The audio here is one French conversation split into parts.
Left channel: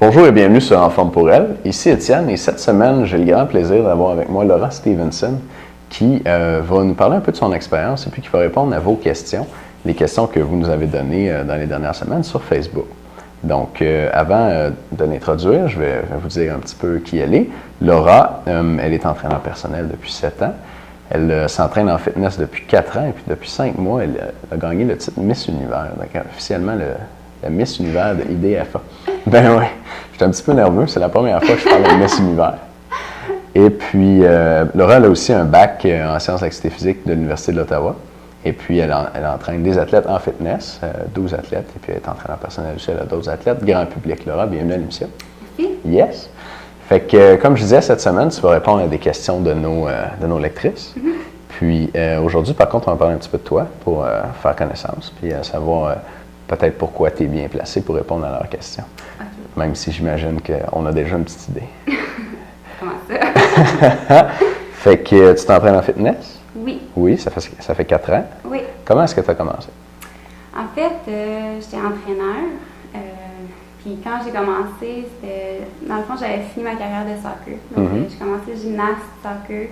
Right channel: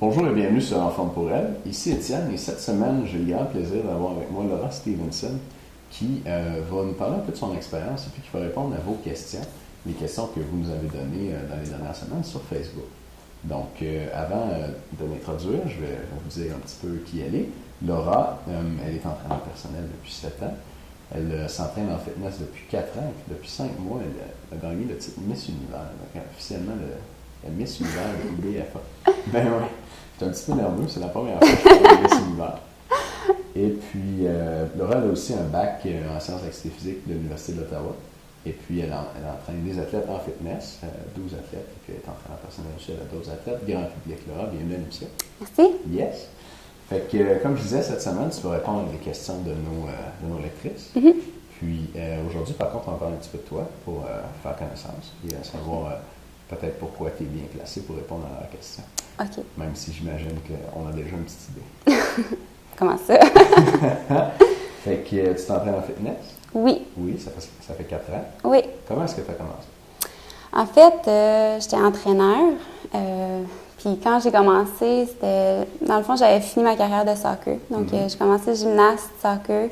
Bonjour et bienvenue sur En forme pour elle. Ici Étienne et cette semaine, j'ai le grand plaisir d'avoir avec moi Laura Stevenson qui va nous parler un peu de son expérience et puis qui va répondre à vos questions, les questions que vous nous avez données dans les dernières semaines sur Facebook. Donc, avant de l'introduire, je vais vous dire un petit peu qui elle est. Laura, elle est entraîneur personnel depuis 7 ans. Elle s'entraîne en fitness depuis 4 ans et puis depuis 5 mois, elle a gagné le titre Miss Univers, donc officiellement la Miss Univers de IDFA. Ben oui, j'étais un petit peu nerveux, c'est la première fois que je parle de Miss Univers. Et puis, Laura elle a aussi un bac en sciences d'activité physique de l'Université de l'Ottawa. Et puis, elle entraîne des athlètes en fitness, 12 athlètes, et puis elle est entraîneur personnel aussi, elle a d'autres athlètes. Grand public, Laura, bienvenue à l'émission. Merci. Yes. Fait que, comme je disais, cette semaine, tu vas répondre à des questions de nos lectrices. Mm-hmm. Puis, aujourd'hui, par contre, on va parler un petit peu de toi pour faire connaissance, puis savoir peut-être pourquoi tu es bien placé pour répondre à leurs questions. OK. Même si j'imagine qu'on a déjà une petite idée. Comment ça? Fait que tu t'entraînes en fitness? Oui. Oui, ça fait 4 ans. Oui. Comment est-ce que tu as commencé? En fait, j'étais entraîneur. Puis quand j'ai commencé, c'était... Dans le fond, j'avais fini ma carrière de soccer. Donc, j'ai commencé gymnaste, soccer.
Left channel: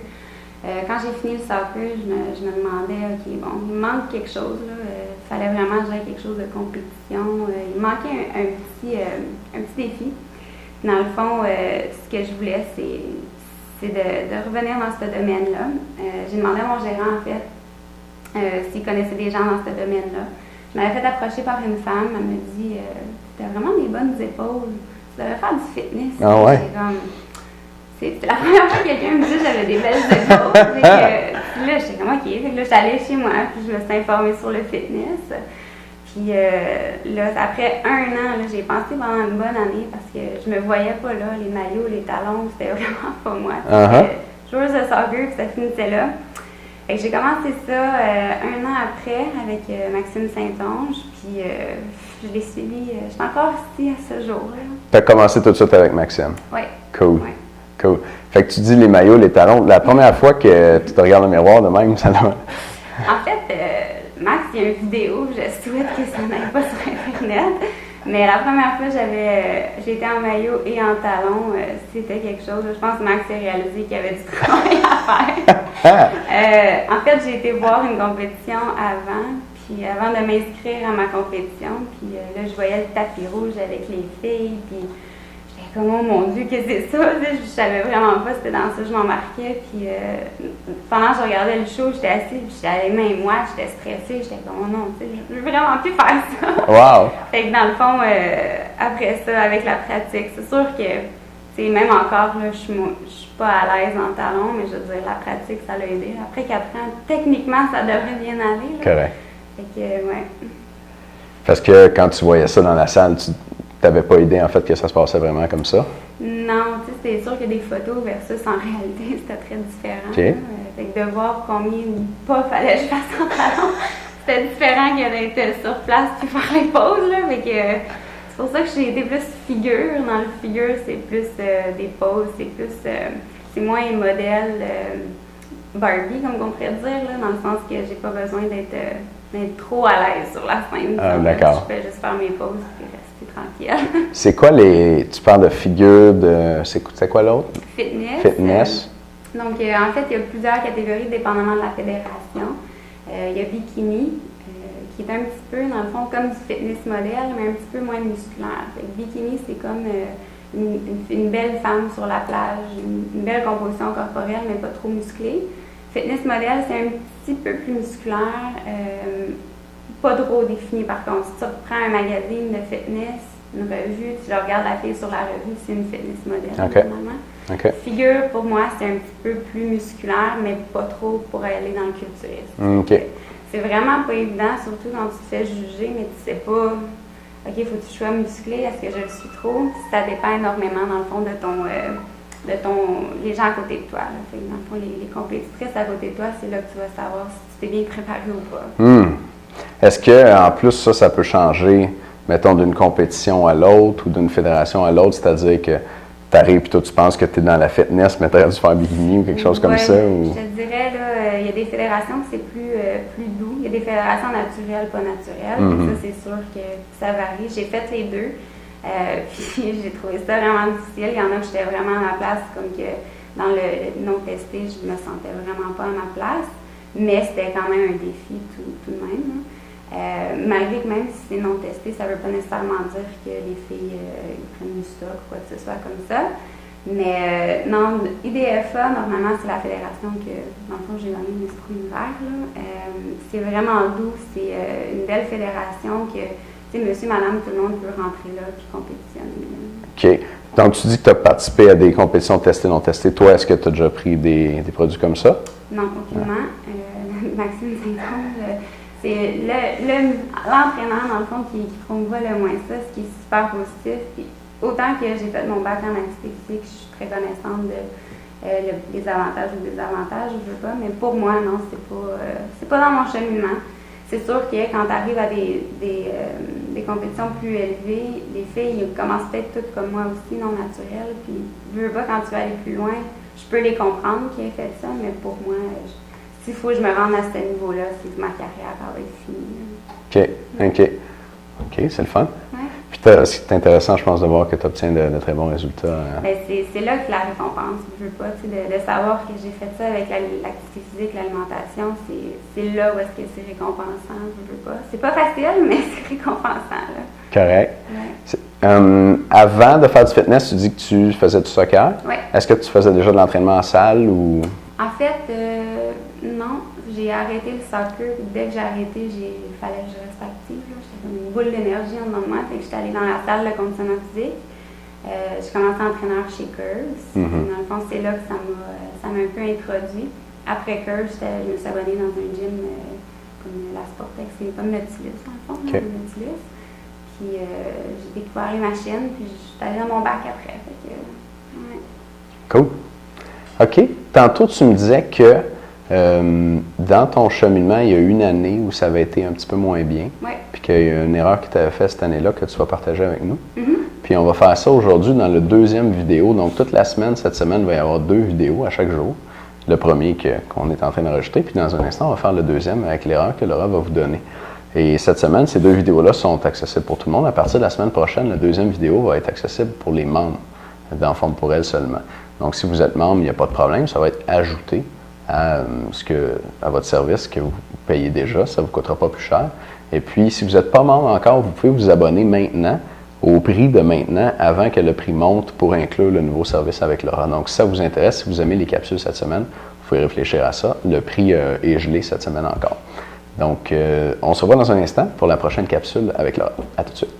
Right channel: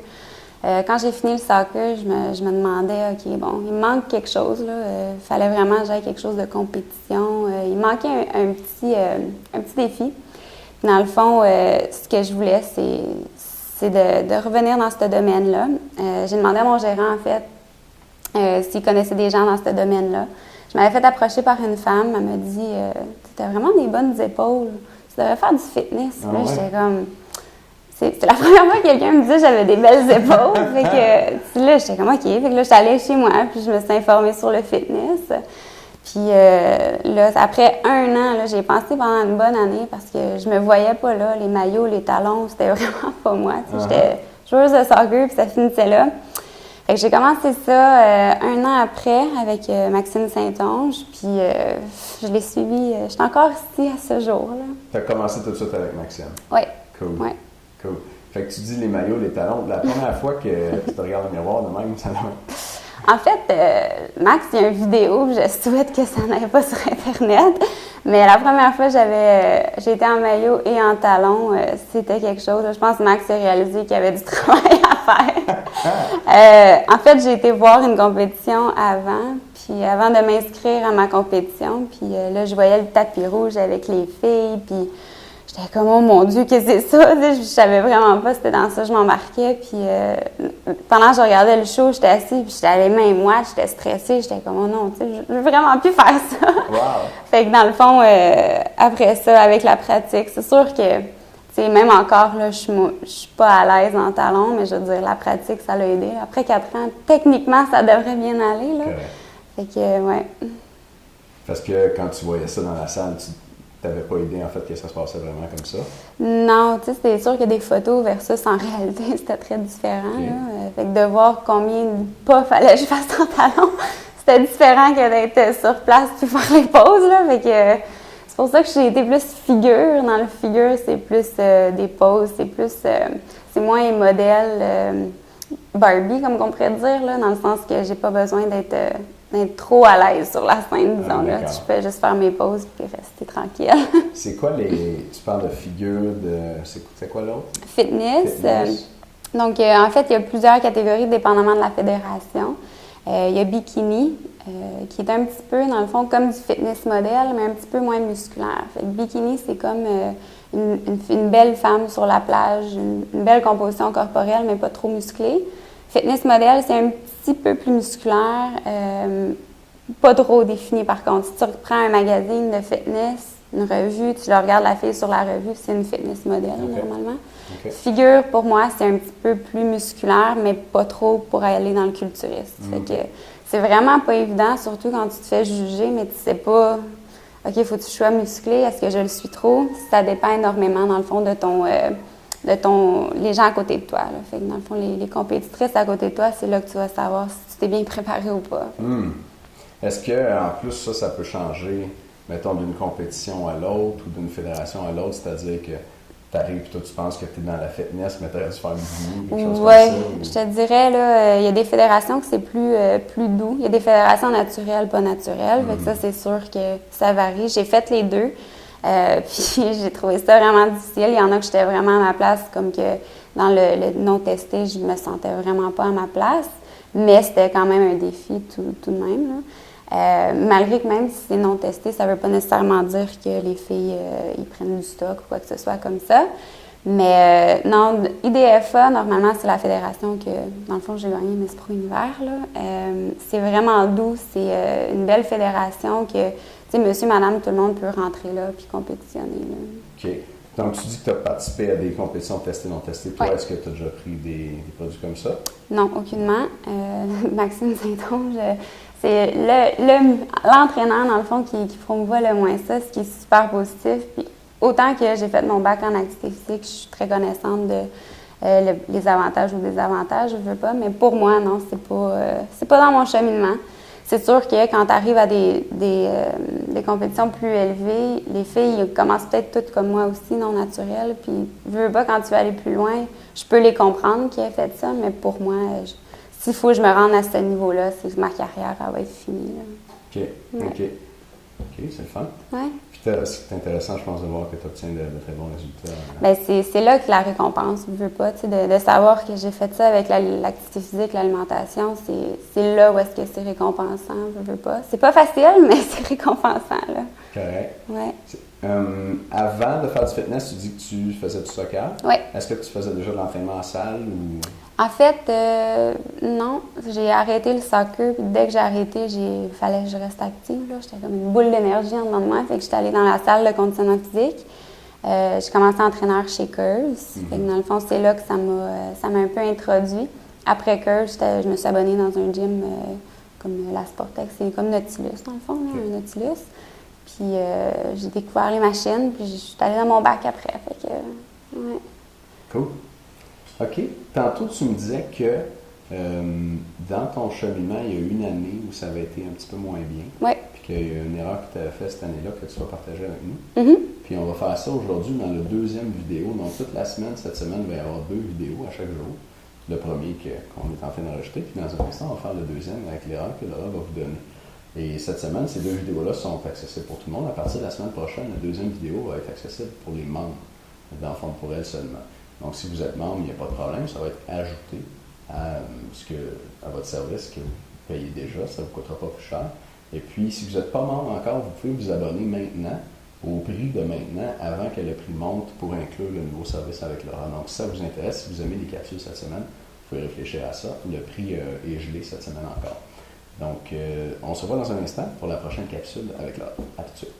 Quand j'ai fini le soccer, je me demandais, OK, bon, il me manque quelque chose, là. Il fallait vraiment que j'aille quelque chose de compétition. Il me manquait un petit défi. Dans le fond, ce que je voulais, c'est de revenir dans ce domaine-là. J'ai demandé à mon gérant, en fait, s'il connaissait des gens dans ce domaine-là. Je m'avais fait approcher par une femme. Elle m'a dit tu as vraiment des bonnes épaules. Tu devrais faire du fitness. Ah ouais? J'étais comme... C'est la première fois que quelqu'un me dit que j'avais des belles épaules. Fait que, là, j'étais comme OK. Fait que là, j'étais allée chez moi, puis je me suis informée sur le fitness. Puis là, après 1 an, là, j'ai pensé pendant une bonne année parce que je me voyais pas là. Les maillots, les talons, c'était vraiment pas moi. J'étais joueuse de soccer, puis ça finissait là. Fait que j'ai commencé ça 1 an après avec Maxime Saint-Onge, puis je l'ai suivi. Je suis encore ici à ce jour-là. Tu as commencé tout de suite avec Maxime? Oui. Cool. Ouais. Cool. Fait que tu dis les maillots, les talons. La première fois que tu te regardes dans le miroir de même, ça doit... En fait, Max, il y a une vidéo, je souhaite que ça n'aille pas sur Internet, mais la première fois j'ai été en maillot et en talons, c'était quelque chose. Je pense que Max a réalisé qu'il y avait du travail à faire. En fait, j'ai été voir une compétition avant de m'inscrire à ma compétition, puis là, je voyais le tapis rouge avec les filles, puis j'étais comme, oh mon Dieu, qu'est-ce que c'est ça? Je savais vraiment pas, c'était dans ça que je m'embarquais. Puis pendant que je regardais le show, j'étais assise, puis j'étais à les mains moites, j'étais stressée. J'étais comme, oh non, tu sais, je veux vraiment plus faire ça. Wow! Fait que dans le fond, après ça, avec la pratique, c'est sûr que, tu sais, même encore, là, je suis pas à l'aise en talons, mais je veux dire, la pratique, ça l'a aidé. Après 4 ans, techniquement, ça devrait bien aller. Là. Correct. Fait que, ouais. Parce que quand tu voyais ça dans la salle, tu n'avais pas idée, en fait, que ça se passait vraiment comme ça? Non, tu sais, c'était sûr que des photos versus en réalité, c'était très différent. Okay. Fait que de voir combien de pas fallait que je fasse en talon, c'était différent que d'être sur place puis faire les pauses, là. Fait que c'est pour ça que j'ai été plus figure. Dans le figure, c'est plus des pauses, c'est moins modèle Barbie, comme on pourrait dire, là, dans le sens que j'ai pas besoin d'être trop à l'aise sur la scène. D'accord. Je peux juste faire mes pauses et rester tranquille. C'est quoi tu parles de figure, c'est quoi l'autre? Fitness. Fitness. Donc, en fait, il y a plusieurs catégories dépendamment de la fédération. Il y a bikini, qui est un petit peu, dans le fond, comme du fitness modèle, mais un petit peu moins musculaire. Fait que bikini, c'est comme une belle femme sur la plage, une belle composition corporelle, mais pas trop musclée. Fitness modèle, c'est un petit peu plus musculaire, pas trop défini par contre. Si tu reprends un magazine de fitness, une revue, tu regardes la fille sur la revue, c'est une fitness modèle normalement. Okay. Figure, pour moi, c'est un petit peu plus musculaire, mais pas trop pour aller dans le culturiste. Okay. C'est vraiment pas évident, surtout quand tu te fais juger, mais tu sais pas, OK, il faut que tu sois musclé, est-ce que je le suis trop? Ça dépend énormément, dans le fond, de les gens à côté de toi. Là. Fait que dans le fond, les compétitrices à côté de toi, c'est là que tu vas savoir si tu t'es bien préparé ou pas. Est-ce qu'en plus, ça peut changer, mettons, d'une compétition à l'autre ou d'une fédération à l'autre, c'est-à-dire que tu arrives et toi, tu penses que tu es dans la fitness, mais tu aurais dû faire bikini ou quelque chose comme ça? Ou... Je te dirais, là, il y a des fédérations que c'est plus doux. Il y a des fédérations naturelles, pas naturelles. Mais ça, c'est sûr que ça varie. J'ai fait les deux. Puis j'ai trouvé ça vraiment difficile. Il y en a que j'étais vraiment à ma place, comme que dans le non testé, je me sentais vraiment pas à ma place. Mais c'était quand même un défi tout de même, là. Malgré que même si c'est non testé, ça ne veut pas nécessairement dire que les filles ils prennent du stock ou quoi que ce soit comme ça. Mais non, IDFA, normalement, c'est la fédération que, dans le fond, j'ai gagné Miss Pro Univers. C'est vraiment doux, c'est une belle fédération que, tu sais, monsieur, madame, tout le monde peut rentrer là puis compétitionner. Là. OK. Donc, tu dis que tu as participé à des compétitions testées, non testées. Toi, est-ce que tu as déjà pris des produits comme ça? Non, aucunement. Maxime Saint-Onge, c'est l'entraîneur, dans le fond, qui promouvoit le moins ça, ce qui est super positif. Puis, autant que j'ai fait mon bac en activité physique, je suis très connaissante de les avantages ou désavantages, je veux pas, mais pour moi, non, c'est pas dans mon cheminement. C'est sûr que quand tu arrives à des compétitions plus élevées, les filles commencent peut-être toutes comme moi aussi, non naturelles, puis je veux pas, quand tu veux aller plus loin, je peux les comprendre qui aient fait ça, mais pour moi, s'il faut que je me rende à ce niveau-là, c'est que ma carrière elle va être finie. Là. OK, OK. OK, c'est le fun. Ouais. Puis c'est intéressant, je pense, de voir que tu obtiens de très bons résultats. Bien, c'est là que la récompense, je veux pas, tu sais, de savoir que j'ai fait ça avec l'activité physique, l'alimentation, c'est là où est-ce que c'est récompensant, je veux pas. C'est pas facile, mais c'est récompensant, là. Correct. Ouais. Avant de faire du fitness, tu dis que tu faisais du soccer. Oui. Est-ce que tu faisais déjà de l'entraînement en salle ou... En fait, non. J'ai arrêté le soccer. Dès que j'ai arrêté, il fallait que je reste active. J'étais comme une boule d'énergie en dedans de moi. Fait que j'étais allée dans la salle de conditionnement physique. J'ai commencé entraîneur chez Curves. Dans le fond, c'est là que ça m'a un peu introduit. Après Curves, je me suis abonnée dans un gym comme la Sportec. C'est comme Nautilus, dans le fond, Okay. Nautilus. Puis j'ai découvert les machines, puis je suis allée dans mon bac après. Fait que, ouais. Cool. OK. Tantôt, tu me disais que dans ton cheminement, il y a eu une année où ça avait été un petit peu moins bien. Oui. Puis qu'il y a une erreur qui t'avait faite cette année-là que tu vas partager avec nous. Mm-hmm. Puis on va faire ça aujourd'hui dans le deuxième vidéo. Donc, toute la semaine, cette semaine, il va y avoir 2 vidéos à chaque jour. Le premier qu'on est en train d'enregistrer. Puis dans un instant, on va faire le deuxième avec l'erreur que Laura va vous donner. Et cette semaine, ces 2 vidéos-là sont accessibles pour tout le monde. À partir de la semaine prochaine, la deuxième vidéo va être accessible pour les membres d'Enfants pour elle seulement. Donc, si vous êtes membre, il n'y a pas de problème. Ça va être ajouté à votre service que vous payez déjà. Ça ne vous coûtera pas plus cher. Et puis, si vous n'êtes pas membre encore, vous pouvez vous abonner maintenant au prix de maintenant avant que le prix monte pour inclure le nouveau service avec Laura. Donc, si ça vous intéresse, si vous aimez les capsules cette semaine, vous pouvez réfléchir à ça. Le prix est gelé cette semaine encore. Donc, on se revoit dans un instant pour la prochaine capsule avec Laura. À tout de suite.